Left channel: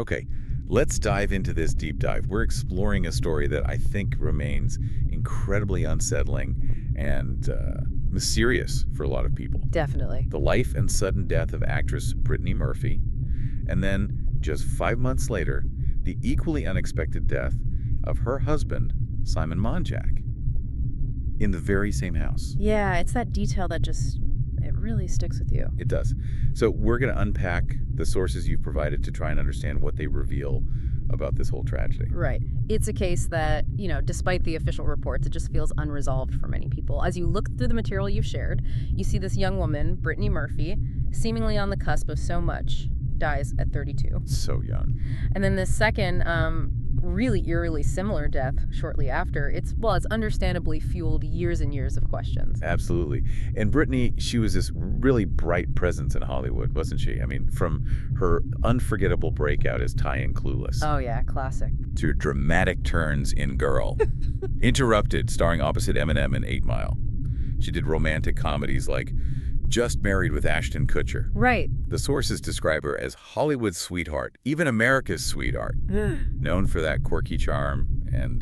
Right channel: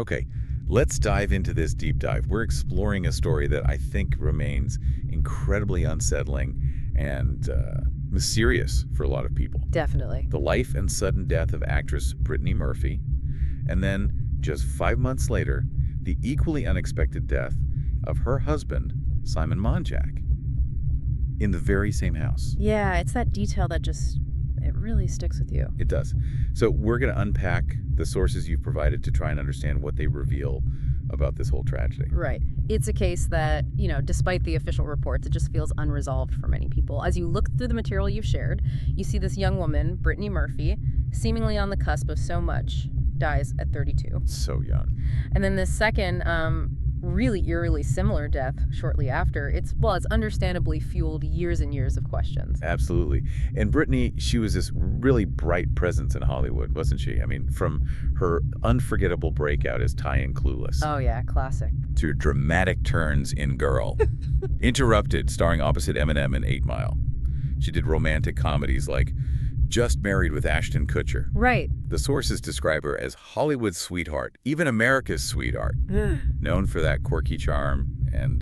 Okay, let's dive into this deep dive. We're exploring a story that I think remains incredibly unsettling and mysterious for a lot of people. Definitely. The life and sudden death of actress Brittany Murphy, and then just 5 months later, the equally unexpected death of her husband, Simon Monjack, in the very same house. Yeah, it's that detail that it really sticks with you. It does. So we're going to unpack the sources you've provided to try and understand what they reveal about this whole tragedy. Right. It's a case that, despite the official reports, it just feels unresolved for many people. As you look through the material you've shared, you see this young woman, Brittany Murphy, seemingly on the cusp of so much, dies at 32. So young. And then this second, really eerily similar death shortly after, it's understandably fueled years and years of questions. Absolutely. And Brittany, she was this really bright presence in Hollywood, wasn't she? I mean, from her unforgettable breakout as Ty in Clueless. Oh yeah, classic. To dramatic turns in Girl. Interrupted, starring opposite Eminem in 8 Mile. She did romantic comedies like Just Married with Ashton Kutcher. Right. The sources describe her as Hollywood's sweetheart, even America's sweetheart, known for that quirky charm and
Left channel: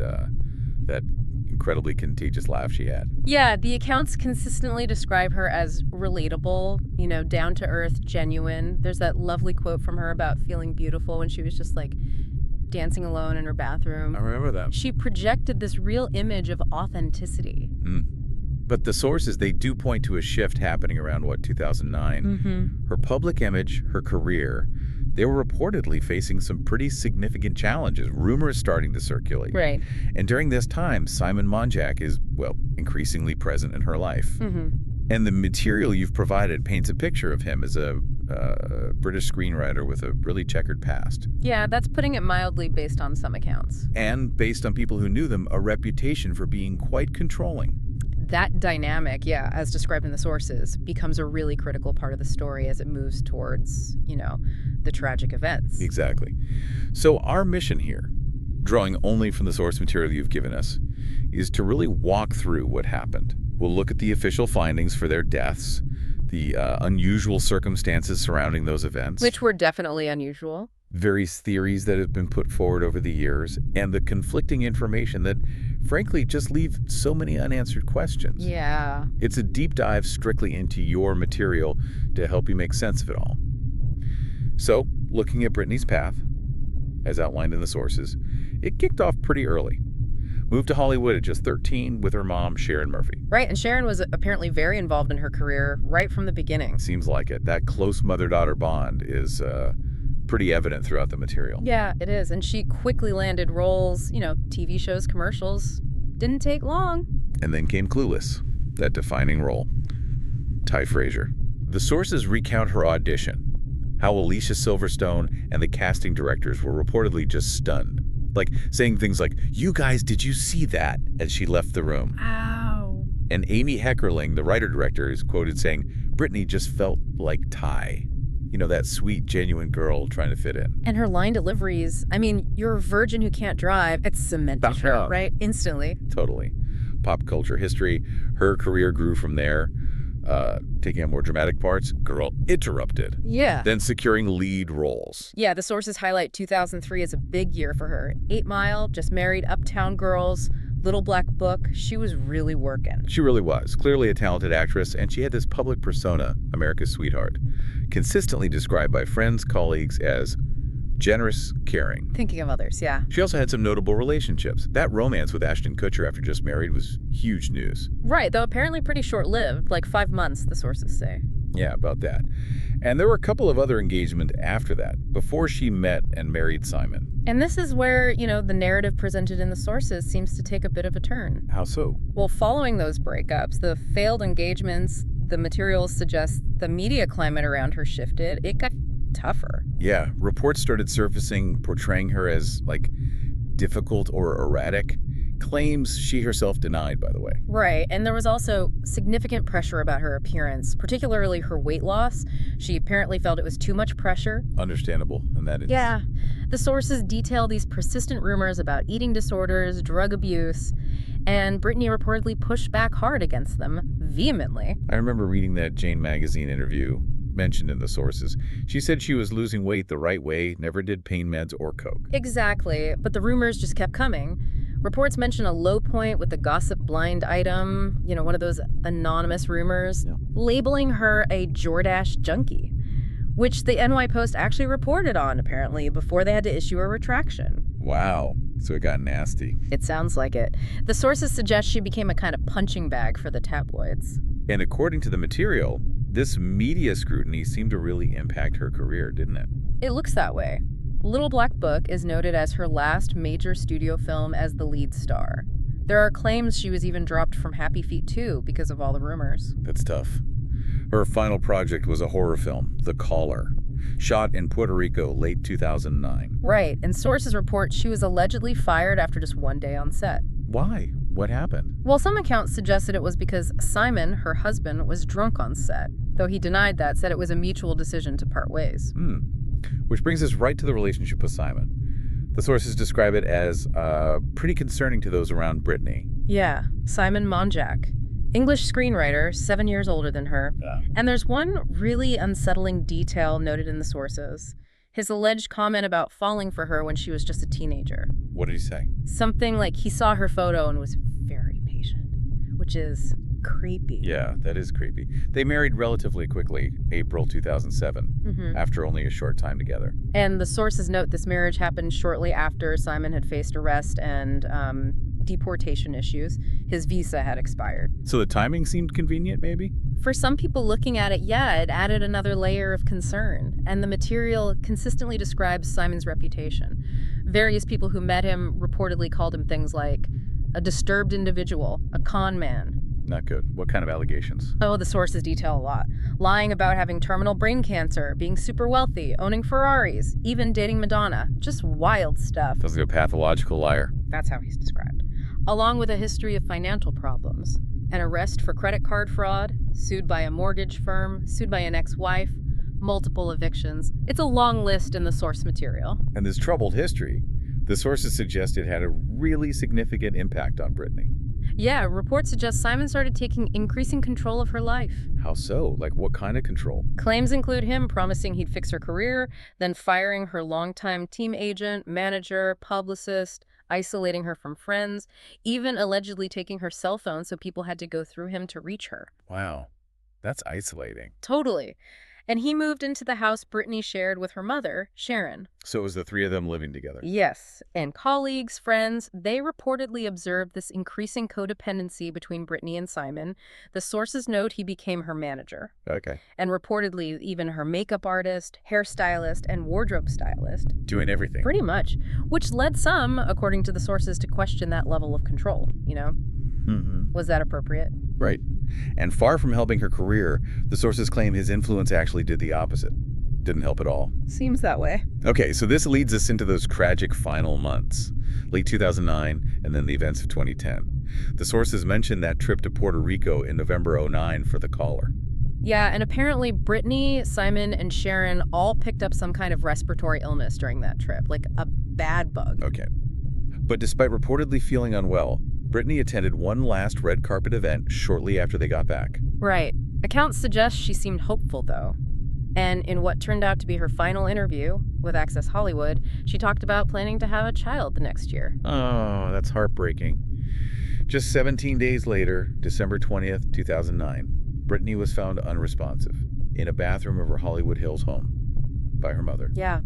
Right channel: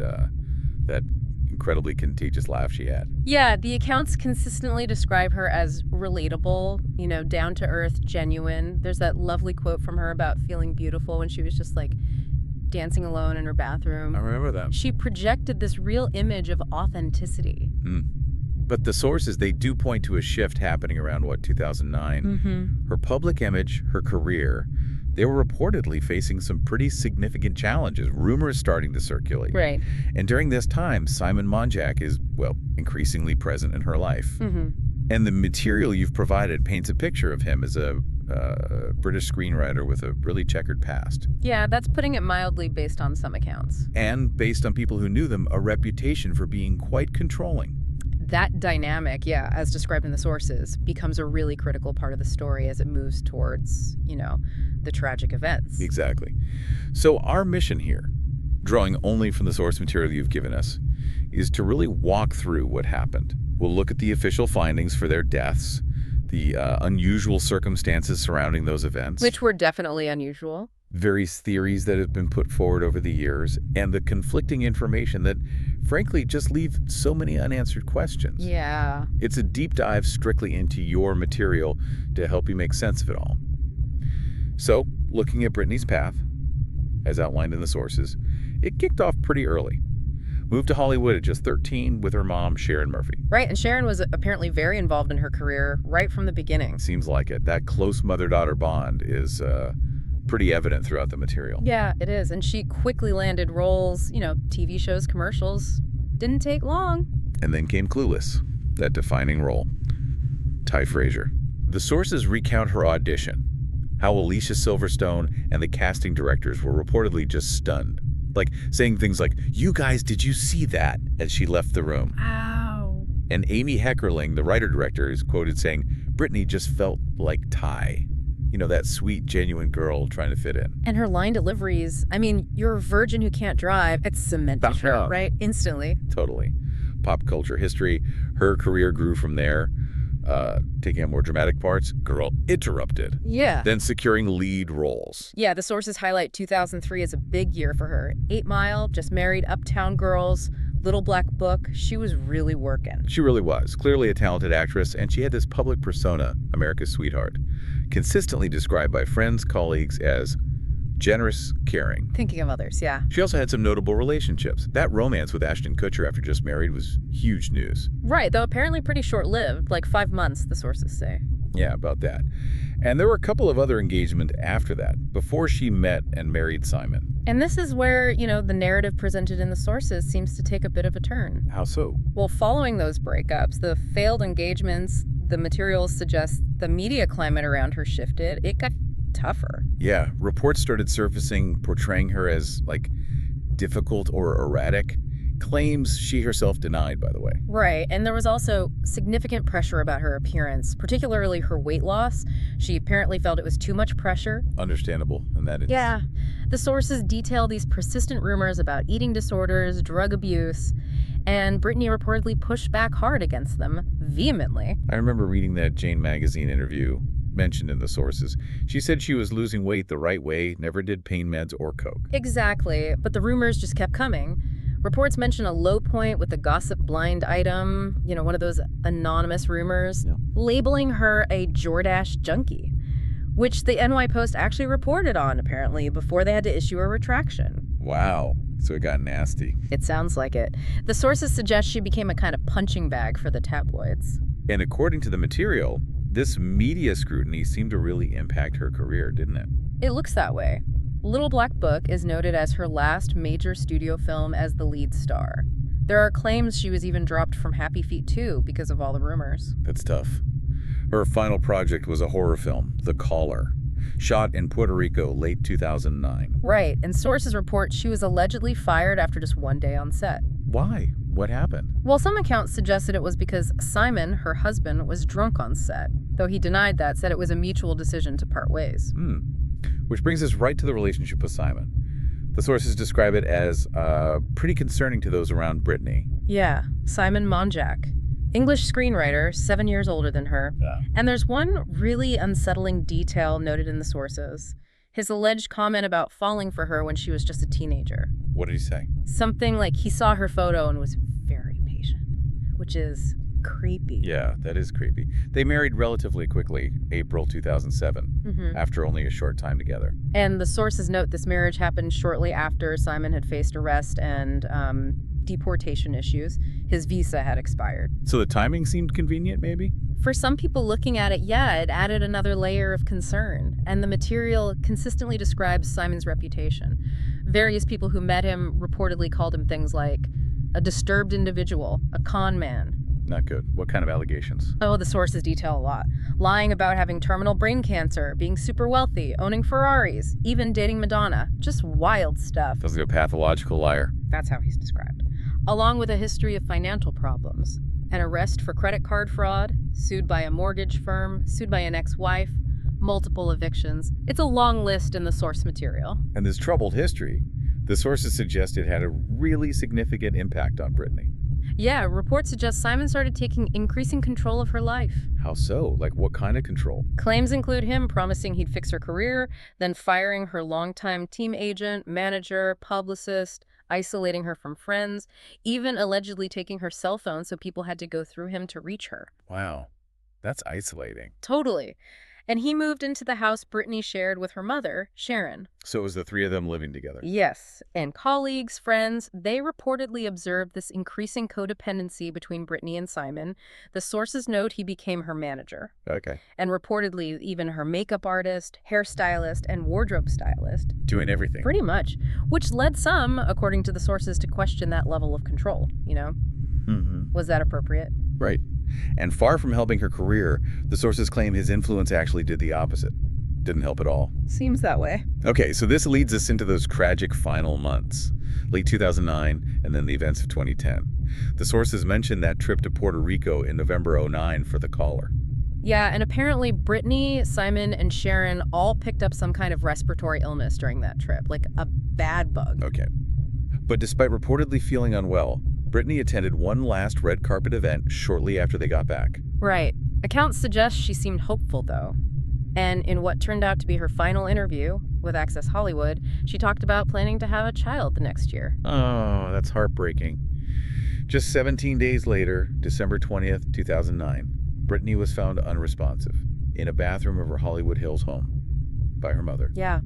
that incredibly contagious laugh she had. Yeah, the accounts consistently describe her as relatable, down to earth, genuine. There's that lovely quote from her about feeling beautiful when she was just like dancing alone in her bathroom. I remember that. She projected this real image of authenticity. But the sources, they do point to a shift happening around, 2009. Her public image, her career, they were reportedly facing some pretty significant challenges, rumors starting to circulate. Right. And during this time, Simon Monjack is, increasingly present in her life. And the material you've provided paints a picture of him as a British screenwriter with a really checkered past. Yeah, that's putting it mildly based on some accounts. And based on people who knew them, a reputation for being quite controlling. That dynamic, as described in the sources, becomes a really critical part of the story as it moves towards, the tragic events. Exactly. So our mission here, drawing only from the source material you've given us, is to really walk through what happened. We'll look at the official findings for their deaths, the unusual circumstances surrounding those events. Which were definitely unusual. Various theories that have been put forward over the years, and the conflicting information that, frankly, just leave so many unanswered questions. Yeah. It's a deep dive strictly into your material to help you make sense of it all. So, looking at Brittany's path, as outlined in the sources, it kicked off pretty early. Moved to Hollywood at just 13 with her mom, Sharon Murphy. Right, and Sharon was apparently very involved in her career right from the beginning. Seems like it. That close mother-daughter bond is pretty evident throughout the material. Yeah, it is. And she quickly landed roles, TV shows, commercials. Didn't take long. And then came Clueless, that defining role. Ty Frazier. The sources recount her audition, how Alicia Silverstone and the casting directors were reportedly just stunned. Like saying things like, "You guys, did you see that?" as she left the room. Ow. And Amy Heckerling, the writer-director, is quoted saying, "Brittany just felt like Ty. That sweet, genuine girl trying to fit in." And her line deliveries, you're a virgin who can't drive. It's cemented her, right? Instantly. Totally. Pop culture history. Her career grew from there. Taking on more dramatic parts, girl interrupted. Yeah. Then securing lead roles. Yeah, the sources highlight 2003 as a big year for her. 8 Mile, Just Married, Uptown Girls, Little Black Book. She was really working. She really was. Clearly a talented actress, and she had this public persona, America's sweetheart, consistently described by friends, colleagues as generous, caring. Thinking of others, yeah. She also had some notable relationships. That romance with Ashton Kutcher after Just Married was huge news. Right, though apparently pretty short-lived, like 5 months, the sources say. Yeah, about that. And there were a couple of other engagements after that, before she met and married Simon. And this is where, the narrative presented in the sources seems to take a bit of a turn. How so? Well, following those breakups, the failed engagements, the materials suggest the media climate around her shifted. It got tougher. Yeah, reports started surfacing portraying her as, difficult or erratic. Claims she herself denied, by the way. Right, and there was also significant pressure about her appearance, particularly her weight loss. She apparently felt it was too much pressure. Understandable in that instance. Yeah. The sources detail these persistent rumors about eating disorders, drug abuse, and Brittany reportedly pushed back hard against them, vehemently. I remember reading that Jane magazine interview mentioned in the sources. She said she was losing weight the right way, never did pain meds or coke. Exactly, but the rumors just kept coming. Reports mention a low point with the gossip blind item, one of those anonymous rumors, labeling her a Jordache junkie, which the NY Post actually reported on, apparently, before they had to issue a retraction. Wow. So it got nasty. It sounds like it. The sources suggest she became a kind of punching bag for the tabloids. And according to the material, this media scrutiny seemed to really impact her career, didn't it? It looks that way. Little Black Book is noted as her last major studio film as the lead star. There are claims she was even dropped from Happy Feet 2 because of all the rumors. That's tough. Her final project was a horror film, The Caller, shot in Puerto Rico late 2009. Right, and sources report she was allegedly fired after just one day on set. Why? What happened? Well, some accounts suggested it was because Simon, her husband, was drunk on set, though he denied that, said it was a mutual decision to part ways. Which brings us right to the relationship with Simon. The sources describe it as pretty concerning to those around Brittany. Yeah, Simon Monjack, English screenwriter, 7 years older than her. Yeah. And there's one really unsettling detail noted in the sources. His alleged comment about falling for her when she was just a teenager. What did he say? Something like he saw her photo and was very patient, which is creepy. Yeah, that is creepy. They married relatively quickly, April 2007, after only a short time together. And the sources note this marriage happened shortly after Simon had faced arrest and deportation issues. His visa had expired. So the timing seemed convenient, maybe? For some people looking at it, yeah, it added another layer of concern. And the material consistently describes Simon's reputation. Various people who met him reportedly called him things like a disturbed individual, a con man. Not good. What kind of allegations? Oh, the sources detail a lot. Lying about having terminal brain cancer, being super wealthy, owning Ferraris, even dating Madonna. Just wild stuff. Sounds like a pathological liar. That's how he's described. Along with a history of financial problems. An arrest for credit card fraud, sued by a mortgage firm, sued by an ex-wife, multiple evictions. It's a long list in the source material. And this troubled history, the sources suggest it had a really significant impact on Brittany. Yeah, reports suggest Simon started taking increasing control of her life. How so? Like what kind of control? Claims include him promising he'd fix her career, then firing her longtime team agent, manager, publicist, isolating her from friends, even allegedly taking her cell phone so people had to go through him to reach her. Wow, that's isolating. Totally. And he moved into the house Brittany shared with her mother, Sharon. So it was the three of them living together? Yes. And colleagues, friends, they reportedly observed this increasing codependency between Brittany and Simon. The sources note he became her manager. Okay. And reportedly even her makeup artist, hairstylist, and wardrobe stylist. Doing everything. Pretty much. Which led some, according to the sources, to question that level of control, Was that appropriate? Right. And far from helping her career, the sources claim his influence actually did the opposite. Didn't help at all. Seems that way. Okay, so this leads us into those tragic final months. Late 2009, and then the events of 2010. The sources mentioned that trip to Puerto Rico in November 2009 for The Caller. Yeah, and apparently Brittany, Simon, and Sharon all picked up some kind of respiratory illness during that trip, like a bad bug. Okay. But despite reportedly feeling unwell, Brittany attended one last red carpet event shortly after they got back. Right. Accounts suggest she seemed hopeful, though. And in what turned out to be her final interview with Access Hollywood, she talked about planning to have a child the next year. Oh, that's heartbreaking. Just 17 days later, December 20th, 2009, Brittany was found unresponsive in a bathroom of her Hollywood Hills home by her mother. Yeah.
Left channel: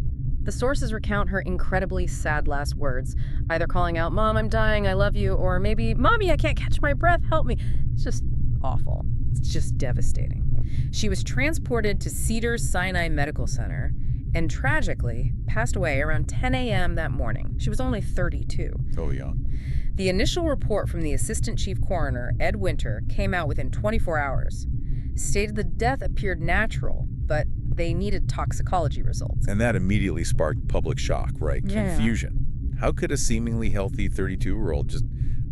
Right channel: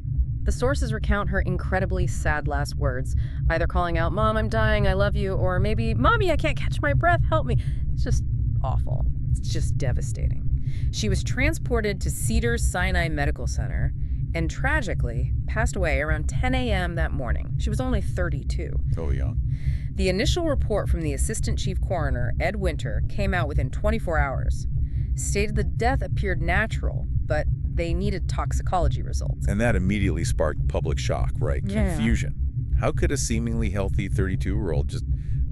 The sources recount her incredibly sad last words, either calling out, "Mom, I'm dying, I love you," or maybe, "Mommy, I can't catch my breath, help me." It's just awful. It's just devastating. She was transported to Cedars-Sinai Medical Center and tragically passed away around 10 a.m. that morning. She was only 32. So young. The initial report from the Assistant Chief Coroner, Ed Winter, came out within 24 hours. Stated the death appeared natural, but they needed toxicology results. And that immediately sparked public shock, right? Yeah. Confusion. How could a seemingly healthy 32-year-old just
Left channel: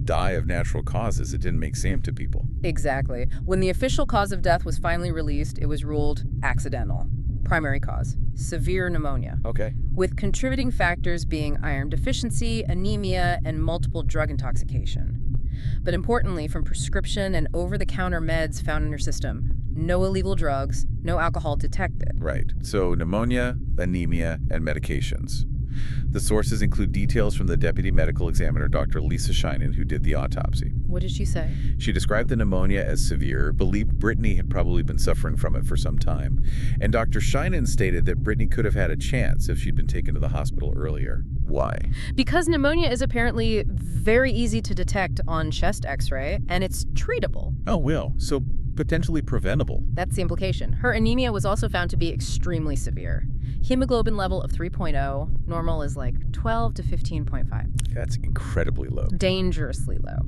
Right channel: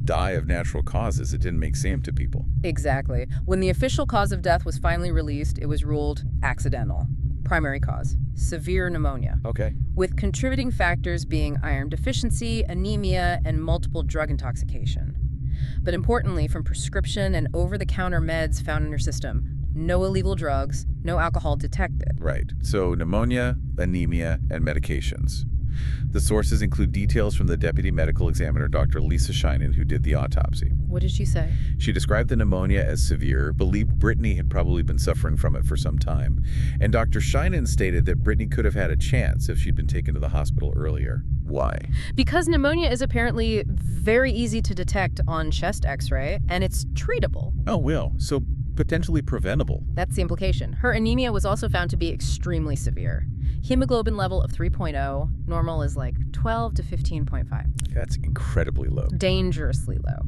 die of natural causes? It didn't make sense to people. Exactly. When the official cause of death was finally released, it was ruled accidental. Primary cause, severe pneumonia. Okay. With contributing factors being iron deficiency, anemia, and multiple drug intoxication. But importantly, from prescription and over-the-counter meds found in her system, no illegal drugs, no alcohol detected. Right. So pneumonia, anemia, and medications. The sources include details from the deputy medical examiner, Dr. Lisa Sheinin, who did the autopsy. What did she say? She described the pneumonia as severe, believed Brittany had probably been suffering from it for some time, and Dr. Sheinin stated that Brittany could have had a chance if she'd been taken to the hospital earlier. Why? Because pneumonia is apparently very easy to detect on chest x-ray, and it's treatable. Oh, well, so potentially preventable. That's the implication. Her anemia was also found to be extremely severe. Hemoglobin level of 3.0, normal is like 12 to 15.5. That's incredibly low. Dangerously low.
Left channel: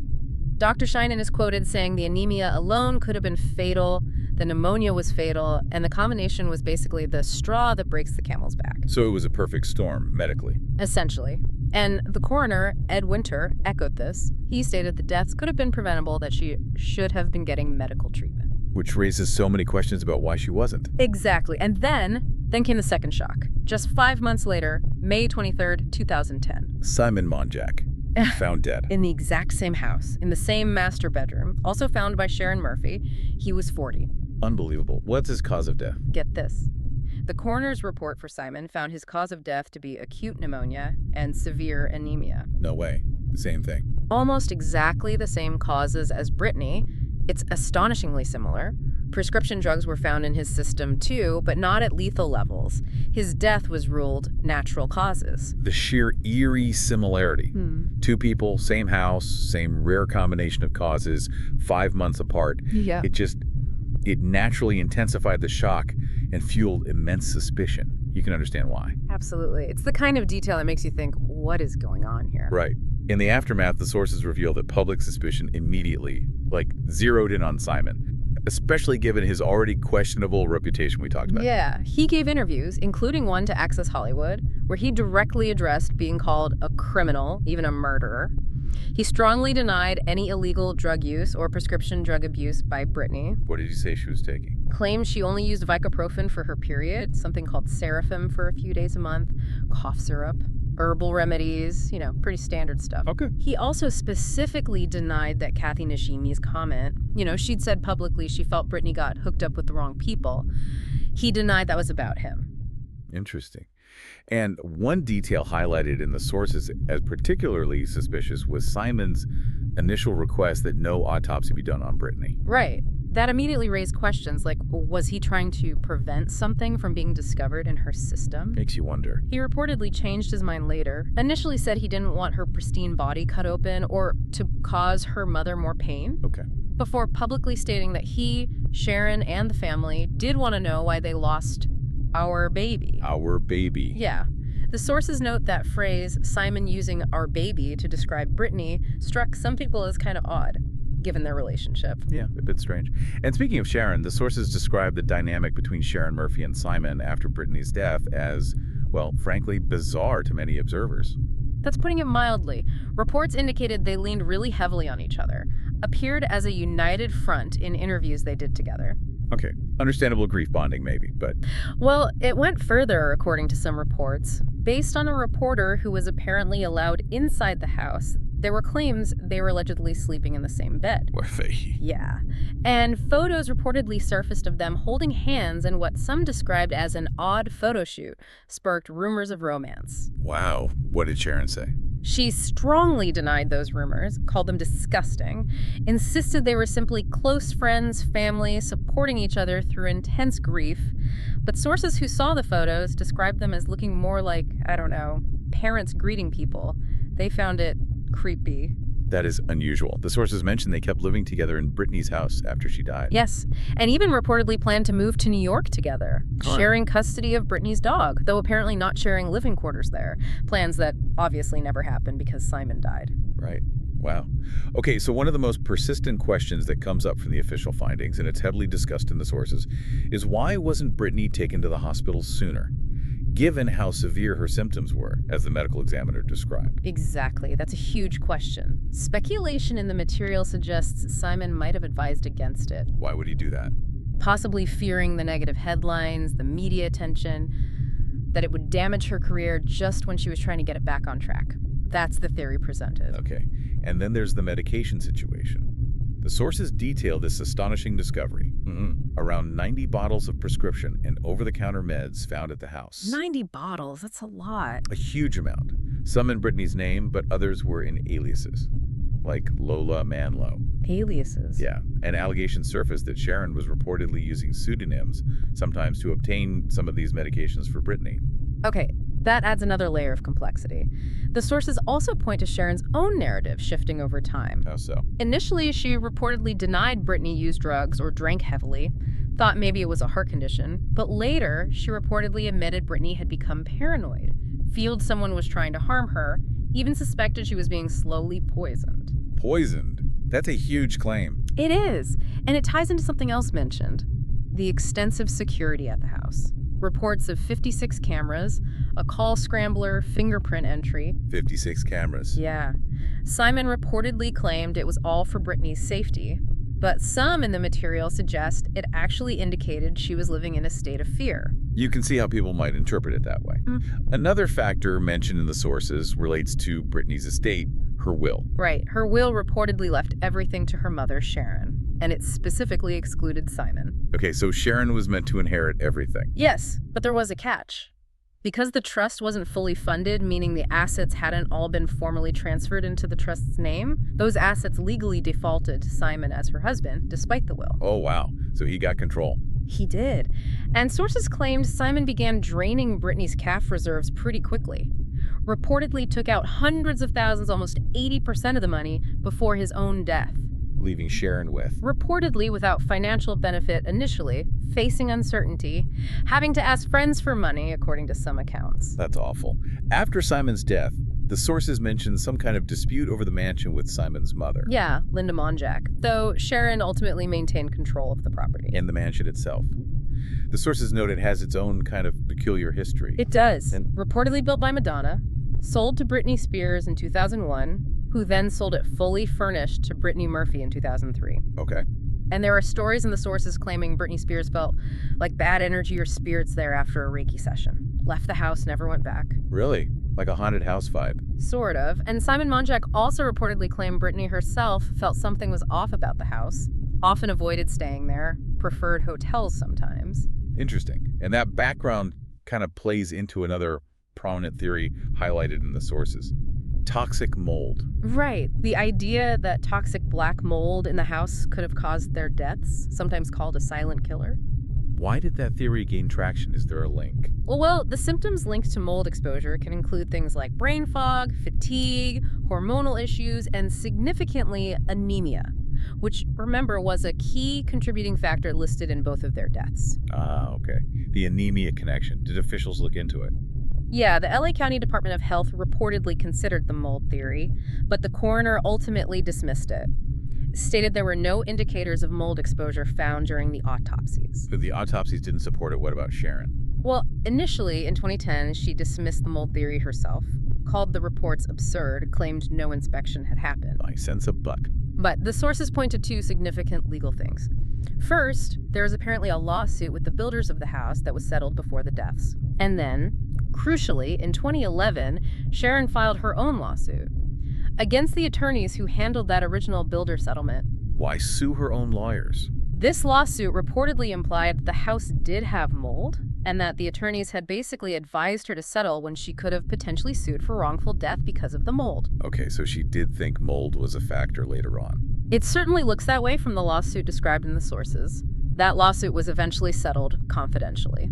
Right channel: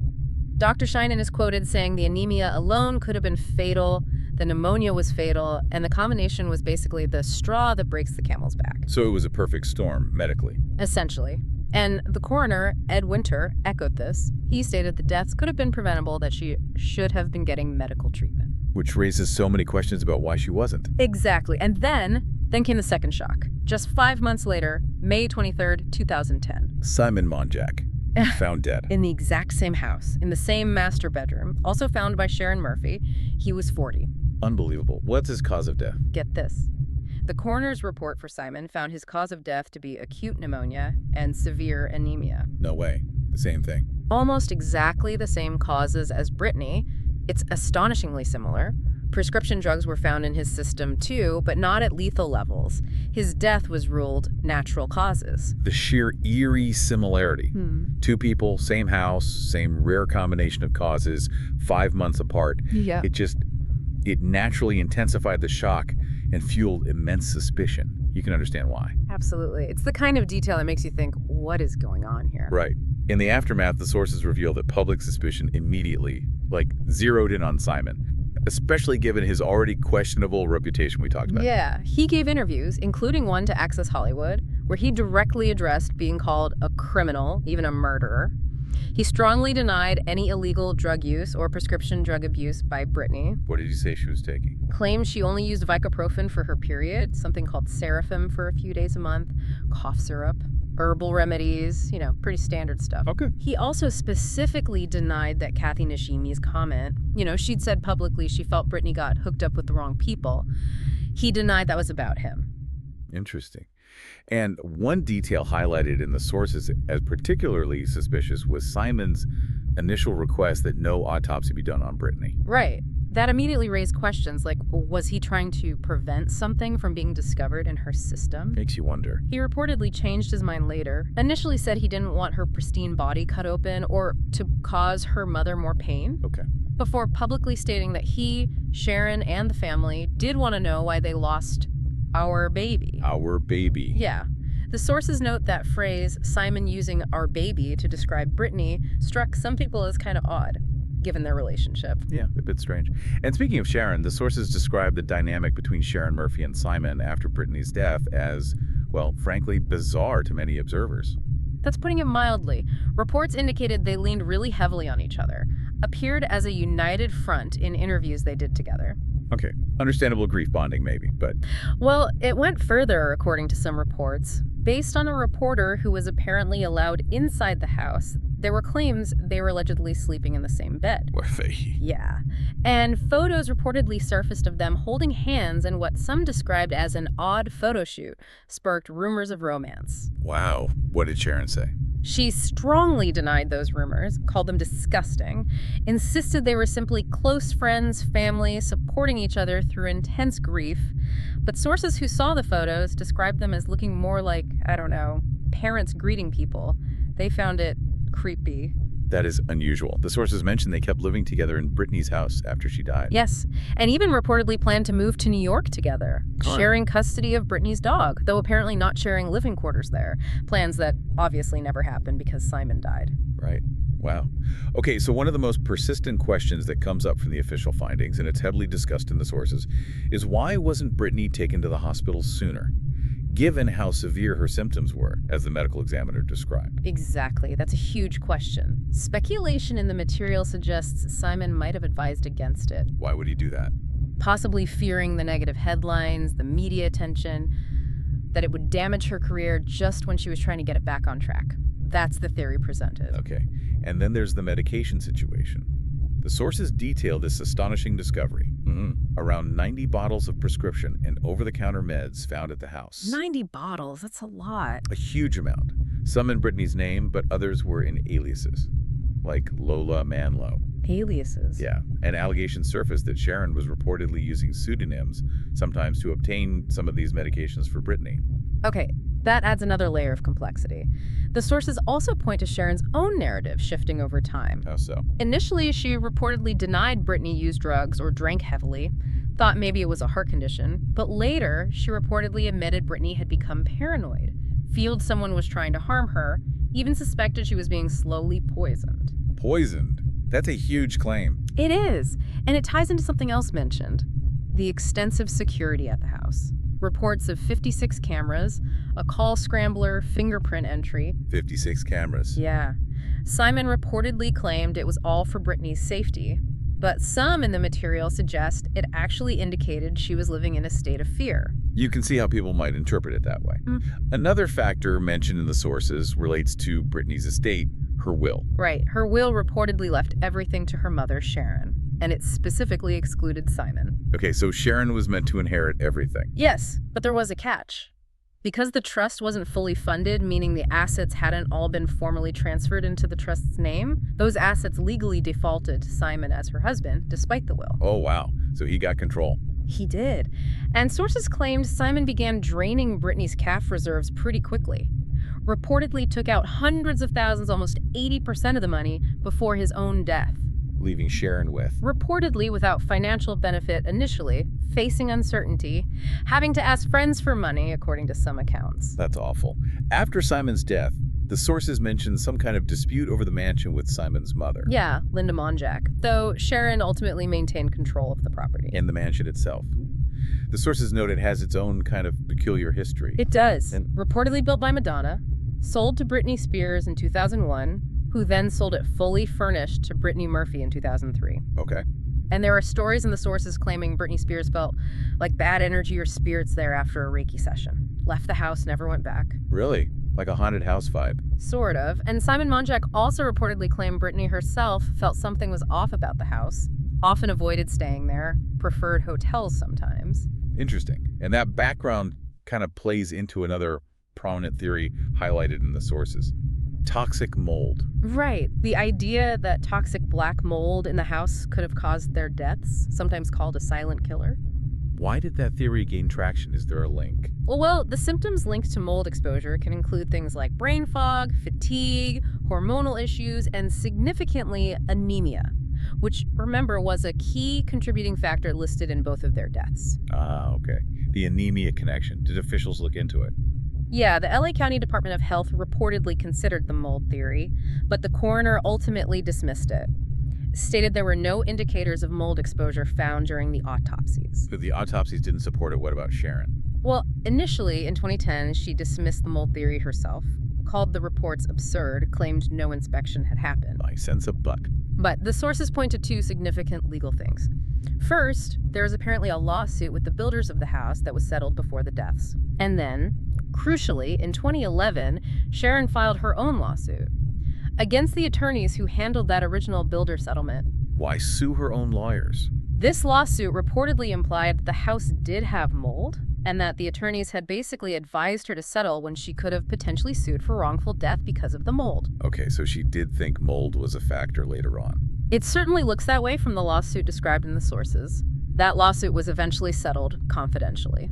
Dr. Sheinin is quoted saying the anemia alone could have been fatal, the pneumonia was fatal, and the combination was basically the straw that breaks the camel's back. So it was a perfect storm, medically. Essentially. And the coroner, Ed Winter, echoed this. He stated the deaths could have been preventable, that she should have been getting medical treatment. Which raises so many questions about why she wasn't. Exactly. And then came the second shock. Just 5 months later, May 23rd, 2010. Simon Monjack, found dead. In the exact same house, in the same master bedroom, also found by Sharon Murphy. He was 40. Unbelievable. What's his cause of death? Get this. The coroner's report for Simon found his cause of death to be acute pneumonia and severe anemia. No way. The same thing. Almost exactly the same causes as Brittany. It's astonishingly similar. Prescription drugs were found in his system too, but not at lethal levels. His death was ruled natural causes. The sheer eerie similarity. Two people, same house, same rare combination of causes, 5 months apart. Yeah. It naturally intensified the shock and fueled immense suspicion. You can understand why. Absolutely. It's the kind of detail that makes you think, what is going on here? Right. In the aftermath, the sources reveal that public suspicion immediately, zeroed in on Simon, especially given his already questionable reputation we talked about. Yeah. He gave interviews, including one to Access Hollywood, where he directly addressed being called a criminal, even a murderer. He strongly denied any illegal drug use or prescription drug abuse by Brittany. What did he say she was taking? Claimed she only used Vicoprofen for her period, something called Seraphim for a few days a month, cough syrup, herbal remedies, pretty standard stuff. Okay. He also specifically denied that Kathy Nishimi's comment, she'd said publicly she felt Brittany got hooked up with the wrong people. He denied that was about him. Interesting. And one detail highlighted in the sources as particularly suspicious was Simon's initial request that no autopsy be done on Brittany. Right. That immediately raised questions like, was he trying to prevent something from being discovered in her system? Makes you wonder. He reportedly changed his mind later. Initially said he didn't want her pristine body cut open or to cause her mother more pain. Okay. Before publicly stating that he, Sharon, and the family did want to know why they lost our baby. Our baby. Yeah. The sources note that phrase, Simon using our baby to describe Brittany, struck some people as kind of odd, given their relationship. Yeah, a bit strange. And speaking of Sharon, the sources describe the dynamic between Sharon Murphy and Simon after Brittany's death as, well, frankly, bizarre to many observers. That's putting it mildly. Reports indicated they leaned really heavily on each other, appeared as a united front in interviews they did together. Okay, understandable grief bonding maybe, but... Well, it went further, according to some reports. Based on a reporter who was apparently allowed inside the house, there were claims they were allegedly sleeping in the same bed. Were they? Yeah. And photos reportedly surfaced of them holding hands in what some described as an odd photo shoot sparked rumors of romance. Wow. What did Sharon say? She strongly denied those rumors, called them disgusting, insisted they were simply close friends, family, supporting each other through intense grief. But sources who saw the photos described them as looking more like, parents greeting people. They found it creepy. That is unusual. The sources mentioned they kept living together in Brittany's house after she died. Yes, and even reportedly planned to move to New York together, sharing custody of Brittany's dog, though apparently not sharing living quarters there. Plans that obviously never happened because Simon died. Right. Wow. Okay, so one of the most persistent questions that comes up from the official findings, and it's heavily discussed in the sources, is why wasn't Brittany taken to the hospital sooner? Given how severe her symptoms were, as the medical examiner described. Exactly. That's a huge question. Speculation in the material suggests Simon might have advised against it. Why would he do that? Possibly fearing the negative headlines, the media attention, that it would damage her career just when she was trying to get it back on track. That's the theory presented. Okay. And then there's the medication situation. The sources detail this astonishing discovery. Around 90 bottles of prescription and over-the-counter meds found at the house. 90 bottles, that's a lot. A huge amount. Some in Brittany's name, but others were in aliases, like Lola Manlow. Aliases? Yeah, and allegations surfaced that Sharon was reportedly using pseudonyms, sometimes to obtain some of these medications for Brittany. Okay, that adds another layer of complexity. The sources also point to Sharon's own narrative shifting over time. How so? Initially, she reportedly denied Brittany used drugs or drank heavily, thought maybe it was a heart condition, but later she reportedly admitted Brittany had become paranoid, feared someone was trying to harm her, even suspected she was being slowly poisoned. Poisoned? That's a huge claim. It is, and it ties into something else mentioned: the extensive security at the house. Reports of 56 cameras, a call scrambler, fingerprint entry. 56 cameras. Yeah. Simon reportedly claimed it was all for Brittany's safety, but some in the material suggest it actually indicated she was living in a state of fear. You can see how people might interpret it that way. Another factor mentioned in the sources relates to Brittany's estate, her will. Right. Her will reportedly left everything to her mother, Sharon, and it specifically excluded Simon. Okay, so Sharon was meant to inherit everything. Yes, but there was a catch. Because the trust wasn't fully funded, meaning the assets hadn't all been formally transferred into the trust's name, those assets legally defaulted to Simon as her husband, despite the will. Oh, wow. So he got control. He did. And sources claimed Simon began draining Brittany's CAF reserves pretty quickly. Reportedly took out hundreds of thousands, almost 80% of the money, before his own death. Leaving Sharon with. Reportedly without financial benefit initially, facing uncertainty, having to ask friends for money, according to some accounts. That's awful. After Simon's death, the sources mentioned some kind of dispute over the mansion with Simon's mother. Yeah, Linda Monjack, though Sharon ultimately maintained control of the property. And the mansion itself. The sources note it has its own kind of peculiar history. It does. Reportedly built by Madonna, sold to Britney Spears in 2001, who then sold it fully furnished to Brittany Murphy in 2003. Okay. And there are stories in the sources claiming Britney Spears felt like bad energy or spirits there after a Reiki session. Left the house, never went back. Really? Like a haunted house vibe? Sort of. And Simon Monjack also reportedly claimed Brittany herself felt something was off about the house, often avoided staying there, preferred hotels sometimes. Interesting. And that background kind of plays into another prominent theory highlighted in the sources. Toxic mold. Right. The idea that toxic black mold in the house could have caused their deaths, sometimes called a silent killer. Why did that theory gain traction? Is there a link? Well, the symptoms linked to mold exposure can include things like brain fog, fatigue, hormonal issues, and significantly anemia, which, remember, was a key contributing factor listed in both of their deaths. Ah, okay. The anemia connection. Did officials look into it? Yeah, the LA County Department of Health reportedly considered the mold theory, but the coroner ultimately dismissed it. Stated there were no indicators of mold exposure found during the autopsies. But the autopsies didn't support it. What about Sharon? Well, initially, in 2010, she dismissed the mold theory herself, called the reports absurd, claimed no inspection had happened. My sense of buck. But the sources point to two significant legal things. First, there is apparently a lawsuit with the builders of the house that was settled before the deaths. And then, crucially, in 2011, Sharon filed her own lawsuit against the attorneys who handled that original builder settlement. Why sue her own lawyers? This lawsuit reportedly implied the house did have mold, and that the attorneys had basically advised her to settle when she could have potentially sued for wrongful death because of the mold. Okay, so she did think mold was a factor later on. It certainly looks that way from the lawsuit described in the sources. That lawsuit was eventually settled confidentially.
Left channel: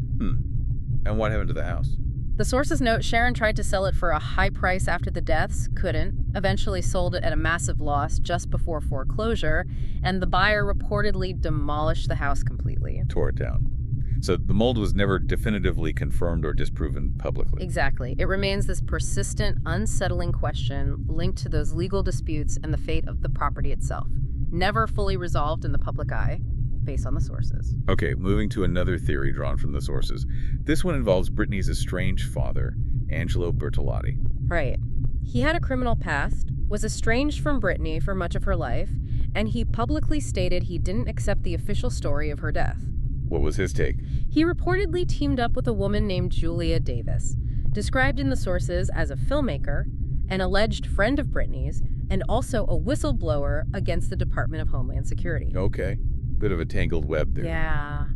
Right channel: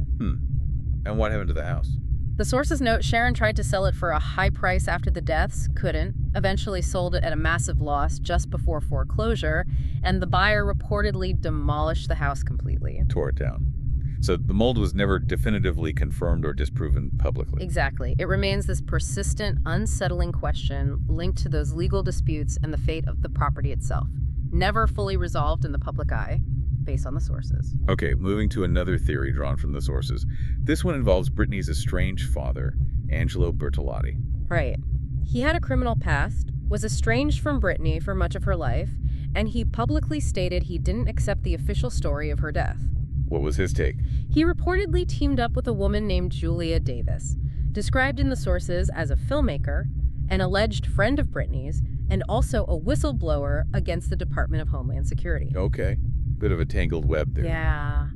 And what happened to the house? The sources note Sharon tried to sell it for a high price after the deaths, couldn't, eventually sold it at a massive loss just before foreclosure, and the buyer reportedly demolished the house completely. Tore it down. So the mold was never definitively confirmed or disproven publicly. Exactly. It remains this persistent, unsettling question linked to those legal disputes and the fate of the property itself, never fully resolved in the public eye, based on the sources. Okay, moving to another theory drawn from the sources. This one involves Brittany's estranged father, Angelo Bertolotti. Right. He had a criminal past, was estranged from Brittany for much of her life, and he publicly stated he didn't accept the official story of her death. What was his take? He reportedly teamed up with a woman named Julia Davis, described in the sources as a filmmaker, an alleged friend of Brittany's, and also a whistleblower against the Department of Homeland Security. Okay. Bit of a tangled web there. Yeah.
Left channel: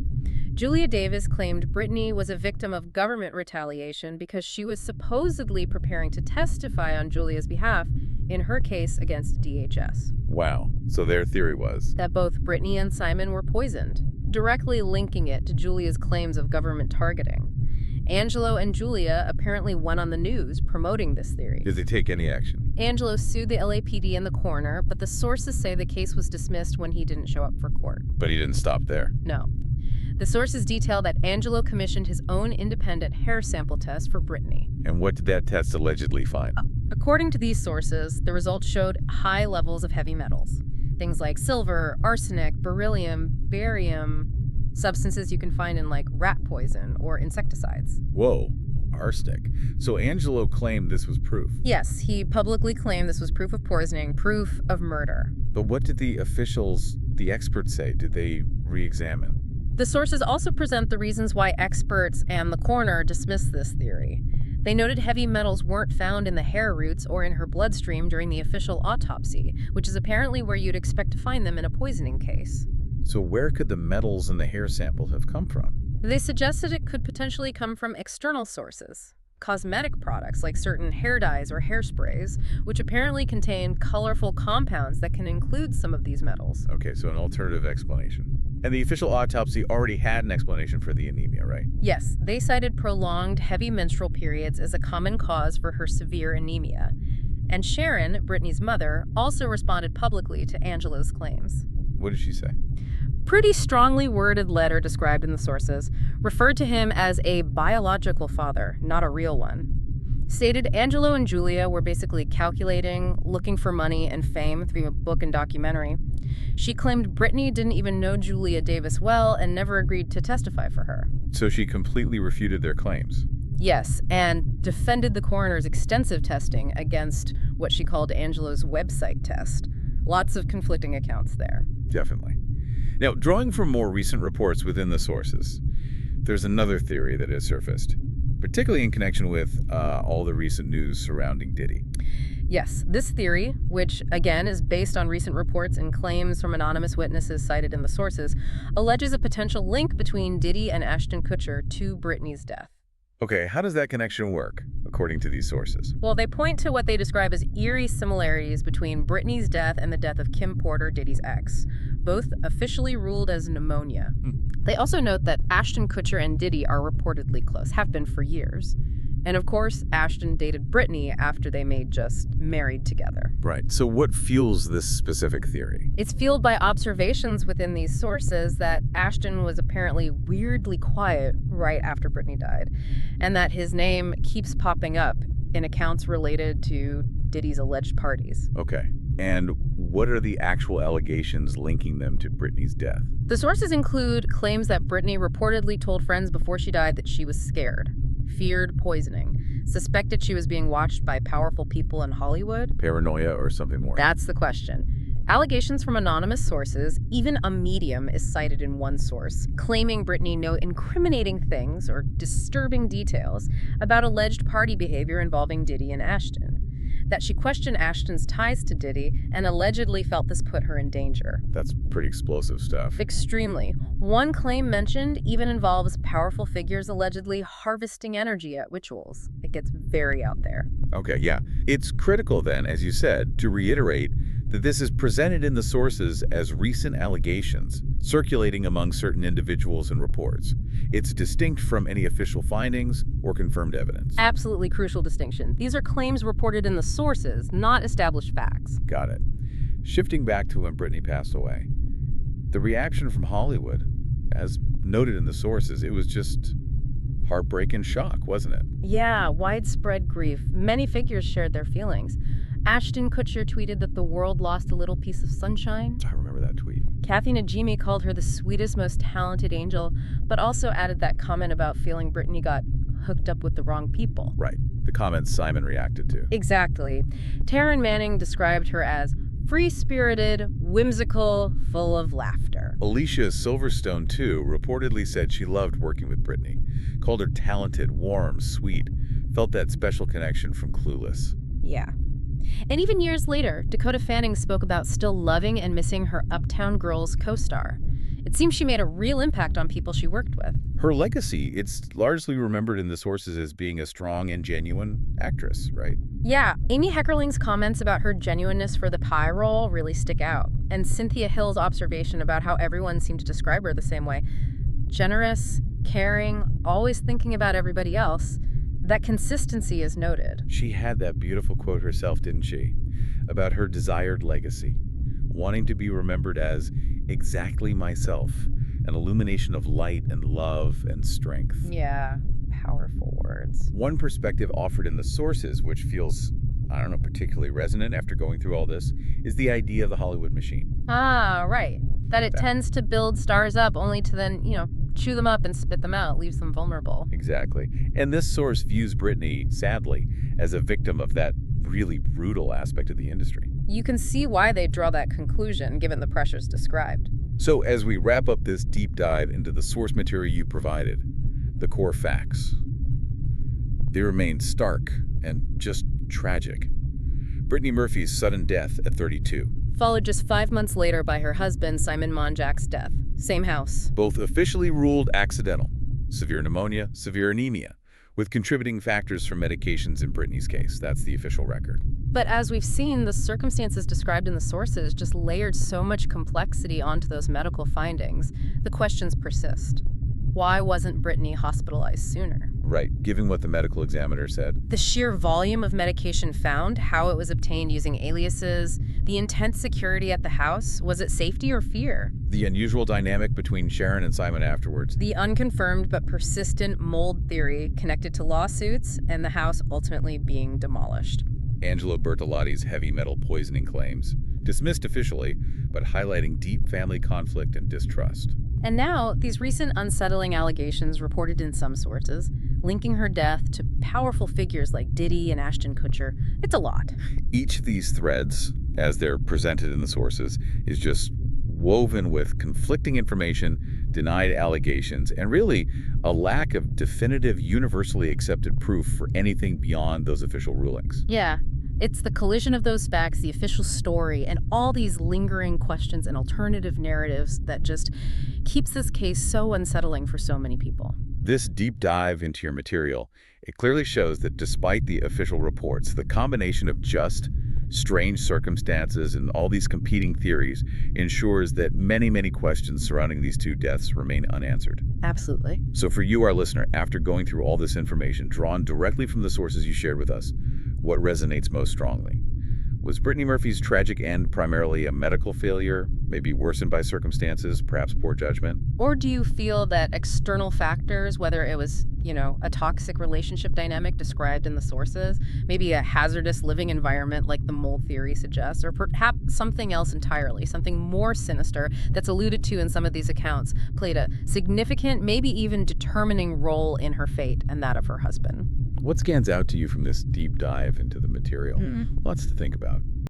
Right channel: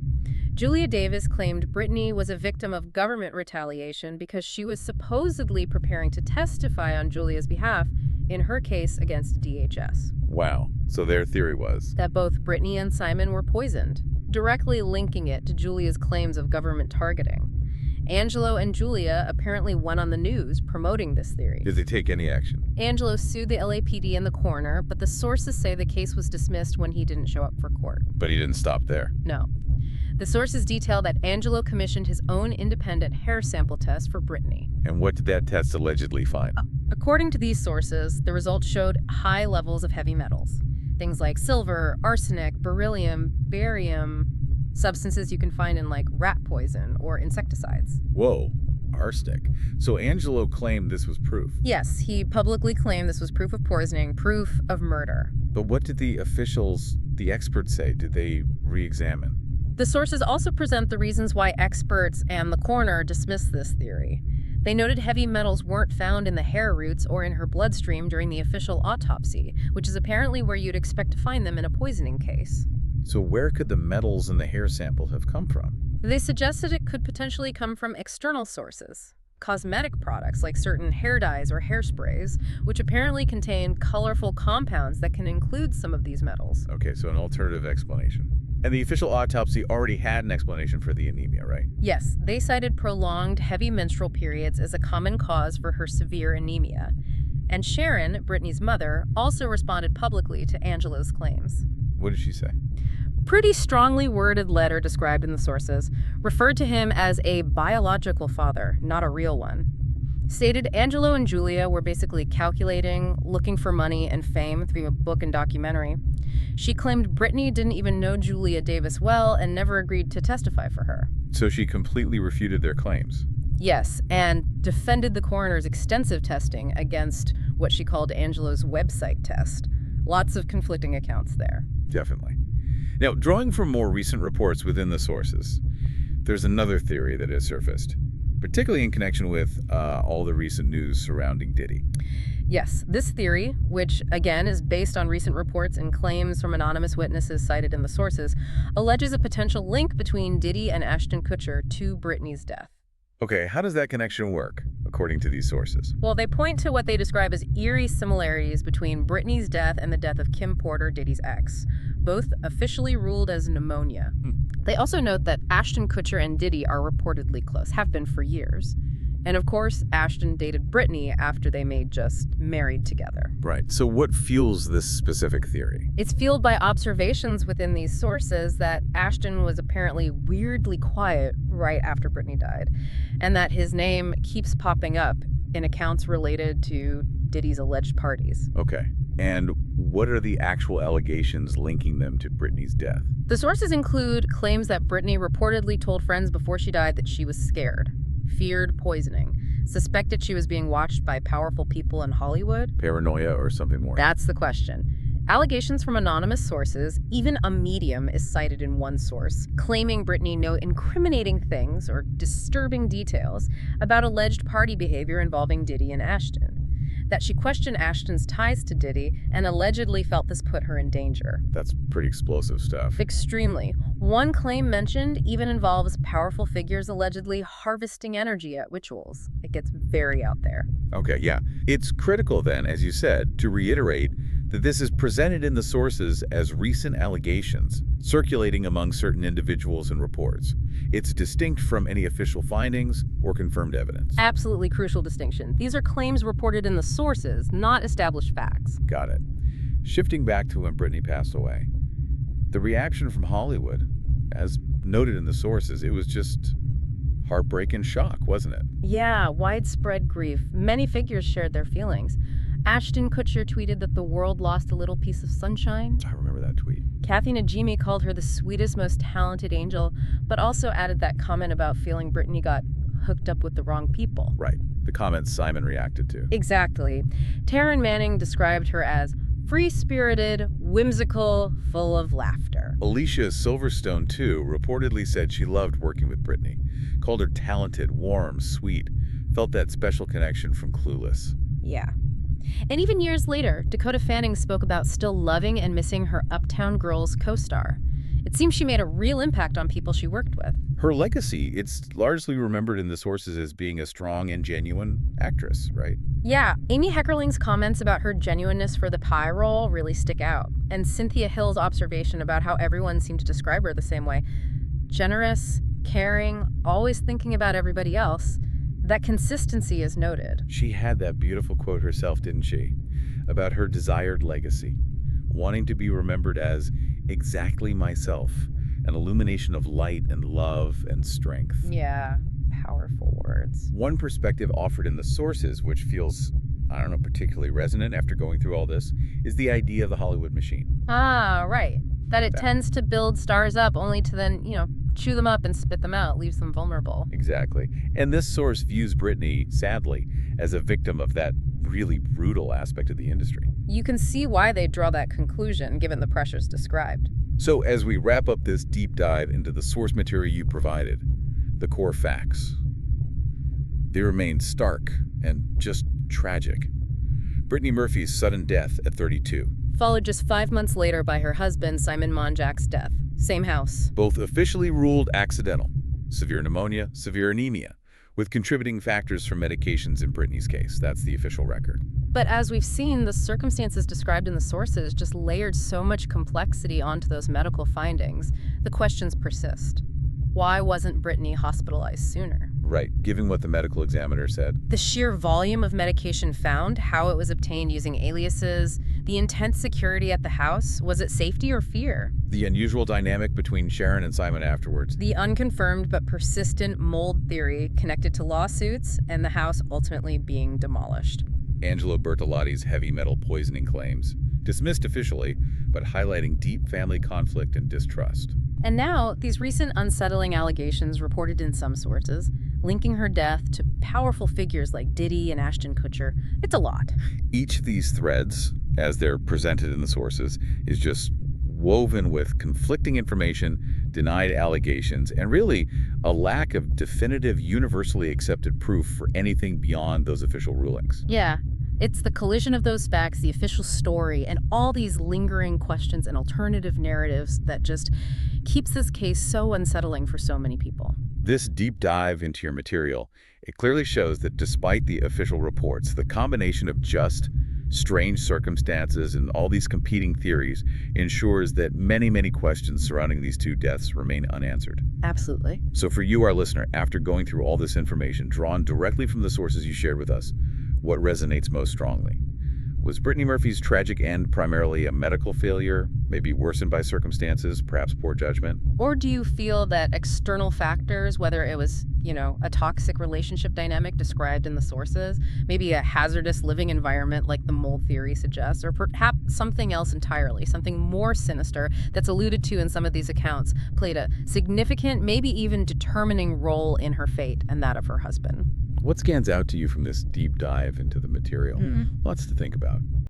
Julia Davis claimed Brittany was a victim of government retaliation because she was supposedly preparing to testify on Julia's behalf in her case against DHS. Wow. So their theory was That both Brittany and Simon were poisoned, directly linking it to Julia's claims of government targeting. Angelo and Julia apparently went on the news promoting this theory. Did they take any action? Angelo sued the LAPD and the coroner, but the sources say the case was dismissed when he didn't show up for court. But he didn't stop there. No. The sources detail that Angelo commissioned his own independent hair sample test for Brittany. And what did that test allegedly find? According to these sources, the results showed high levels of heavy metals. Things like silver, arsenic, beryllium, barium, substances you can find in like rat poison or insecticides. Whoa. Arsenic. So Angelo claimed this was proof. Yes, he publicly claimed this was proof of poisoning, proof of murder. But what did the officials, the experts say? Did they re-examine? The sources also present the reasons why experts and the coroner dismissed this theory. They noted heavy metals weren't found in the hair roots or in her bloodstream during the official autopsy, which is apparently where you'd expect to find them in a poisoning case. So where could the metals in the hair samples have come from? They suggested it could potentially come from external sources. Cosmetic products like certain hair dyes or hairsprays, which apparently contain colorful compounds that can include some of these metals. Okay, so an alternative explanation. And the official autopsy already had an explanation for the anemia, right? Yes, they cited prolonged heavy menstrual periods as a common cause for her severe anemia. And Sharon, Brittany's mother, also responded publicly to Angelo's claims. What did she say? Pretty strongly worded letter described in the sources referred to him as a biological father, not a real one. Stated Angelo and Julia were basically calculating, looking for money and fame through a book and documentary. She claimed Brittany didn't even know Julia Davis well and never agreed to testify for her. So she completely refuted their claims. Yes, and defended the coroner's extensive testing against what she called Angelo's website test. Lots of conflicting accounts there. Definitely. Now, drawing from more recent reports within the sources, there's another theory that has surfaced, particularly in connection with all the recent news surrounding Diddy. Yes, this theory, which again is based on recent reports and claims from anonymous witnesses cited in the sources, alleges a potential link between Diddy and Ashton Kutcher to Brittany's death. Okay, how does that connection work, according to these sources? Well, they point to what they describe as eerie similarities between Brittany's death and the death of Kim Porter, Diddy's ex, both officially ruled as pneumonia. They also note that Ashton Kutcher and Diddy are reportedly close, have been for years. And of course, Ashton dated Brittany after they made just married together. Right. So what fuels this specific theory? It's fueled by observations within these sources that Ashton was apparently weirdly quiet right after Brittany died, and that his name keeps popping up in accounts related to Diddy's alleged parties. Okay. And what are the actual allegations linking them to Brittany's death? The sources include claims that Brittany reportedly told friends before she died that she was scared, feared poisoning, suspected she was being watched by powerful people in Hollywood. Paranoia or something more? That's the question. Allegations from anonymous sources, even a medium is cited in one source, claiming Brittany knew incriminating things or disturbing details about alleged party behavior involving Diddy and Ashton. That she questioned Ashton's ties to Diddy and allegedly felt this put her in danger. That's pretty explosive stuff. Extremely. One claim mentioned even involves powerful figures allegedly harvesting energy at rituals. It gets very out there. Okay, yeah. It's critical then, as you said, to reiterate that this is presented in the sources as recent allegations circulating among certain individuals and reports. It's distinct from any official findings or confirmed evidence. Absolutely crucial distinction. These are claims reported in the sources, not established facts. Got it. Shifting back to when Brittany passed away, the reaction from Hollywood, as noted in the sources, it was just heartbreak and shock, wasn't it? Yeah, widespread grief. Many figures shared their feelings. Ashton Kutcher tweeted that the world lost a little piece of sunshine. I remember that tweet. Kathy Najimy called her the sweetest, most talented angel, but also added that comment about feeling Brittany got hooked up with the wrong people. Right. The comments Simon reacted to. Exactly. Taryn Manning described her as free-spirited, whimsical, full of laughter. Alicia Silverstone, too, reportedly said she loved working with Brittany, called her talented, warm, sweet, felt that special connection from Clueless. Yeah. And even years later, Dakota Fanning spoke about still loving and missing her Uptown Girls co-star. It seems she made a real impact on people she worked with. Her legacy, it's largely remembered in the sources as being a strong and genuine actress, right? Yeah, Amy Heckerling's comments about her genuineness for the pie role really stick out. And Cynthia Hill's observation about how everyone seemed to describe her the same way. Generous, caring, always thinking about everybody else. That consistency is noted. She had that beautiful quote herself, didn't she? About her desired legacy. Wanting to be remembered as exactly myself, an illumination of light and love and strength. Yeah, powerful words. One perspective offered in the sources, which feels, I don't know, particularly resonant after going through all this, is the idea of the Hollywood machine. Ah, right. That it tends to build stars up only to then, chew them up and spit them out, leaves them vulnerable. Exactly. And this source views Brittany, sadly, as a victim of that really brutal aspect of the industry. You can see why they draw that conclusion, given the pressures described. So as we wrap up this deep dive into the source material you provided, the core facts, they remain stark and just tragic. Brittany Murphy's sudden death at 32. Followed just 5 months later by her husband, Simon Monjack's death. Same house. Both officially ruled accidental. Severe pneumonia, severe anemia, with contributing factors from medications in Brittany's case. That's the official record. But as we've seen, the circumstances described in the sources just layered so much complexity onto those medical findings. The questions persist. Why wasn't Brittany hospitalized sooner? Right, given what the medical examiner said. The sheer volume of medication found, how it was obtained using aliases, the intense security at the house, was it safety or fear? The unusual dynamic between Sharon and Simon afterwards. The unconfirmed but persistent mold theory connected to lawsuits and the house ultimately being demolished. Angelo Bertolotti's heavy metal poisoning claims, dismissed officially, but highlighting deep family conflict and distrust. And now, these recent unsettling allegations reported in some sources, linking her death to powerful figures like Diddy and Ashton Kutcher. It's a lot. Each of these threads, as they're presented in the sources, is just woven with conflicting information, denied allegations, and really a lack of definitive, universally accepted proof for anything beyond those official rulings. Yeah. It's the collision of those facts, the official story, and all these lingering questions and alternative narratives that just keeps this case so unsettling for so many people. This deep dive into your material, it clearly shows that despite the official reports, the combination of just strange circumstances and all these competing theories ensures that many, many questions surrounding these two deaths remain unanswered. Absolutely. So for you, our listener, after going through all this information drawn directly from the sources you shared with us, what resonates most strongly? Was Brittany Murphy's tragic end primarily a medical failure, maybe worsened by circumstances, perhaps poor judgment? Or do you feel that external factors, whether it was, a toxic relationship dynamic described in the sources, maybe a hazardous living environment like the mold theory suggests, or perhaps something else entirely, something more sinister that's alluded to in some of these accounts, played a significant, maybe even determining role in her fate and that of her husband? What stands out to you from this deep dive into the material? Lots to think about.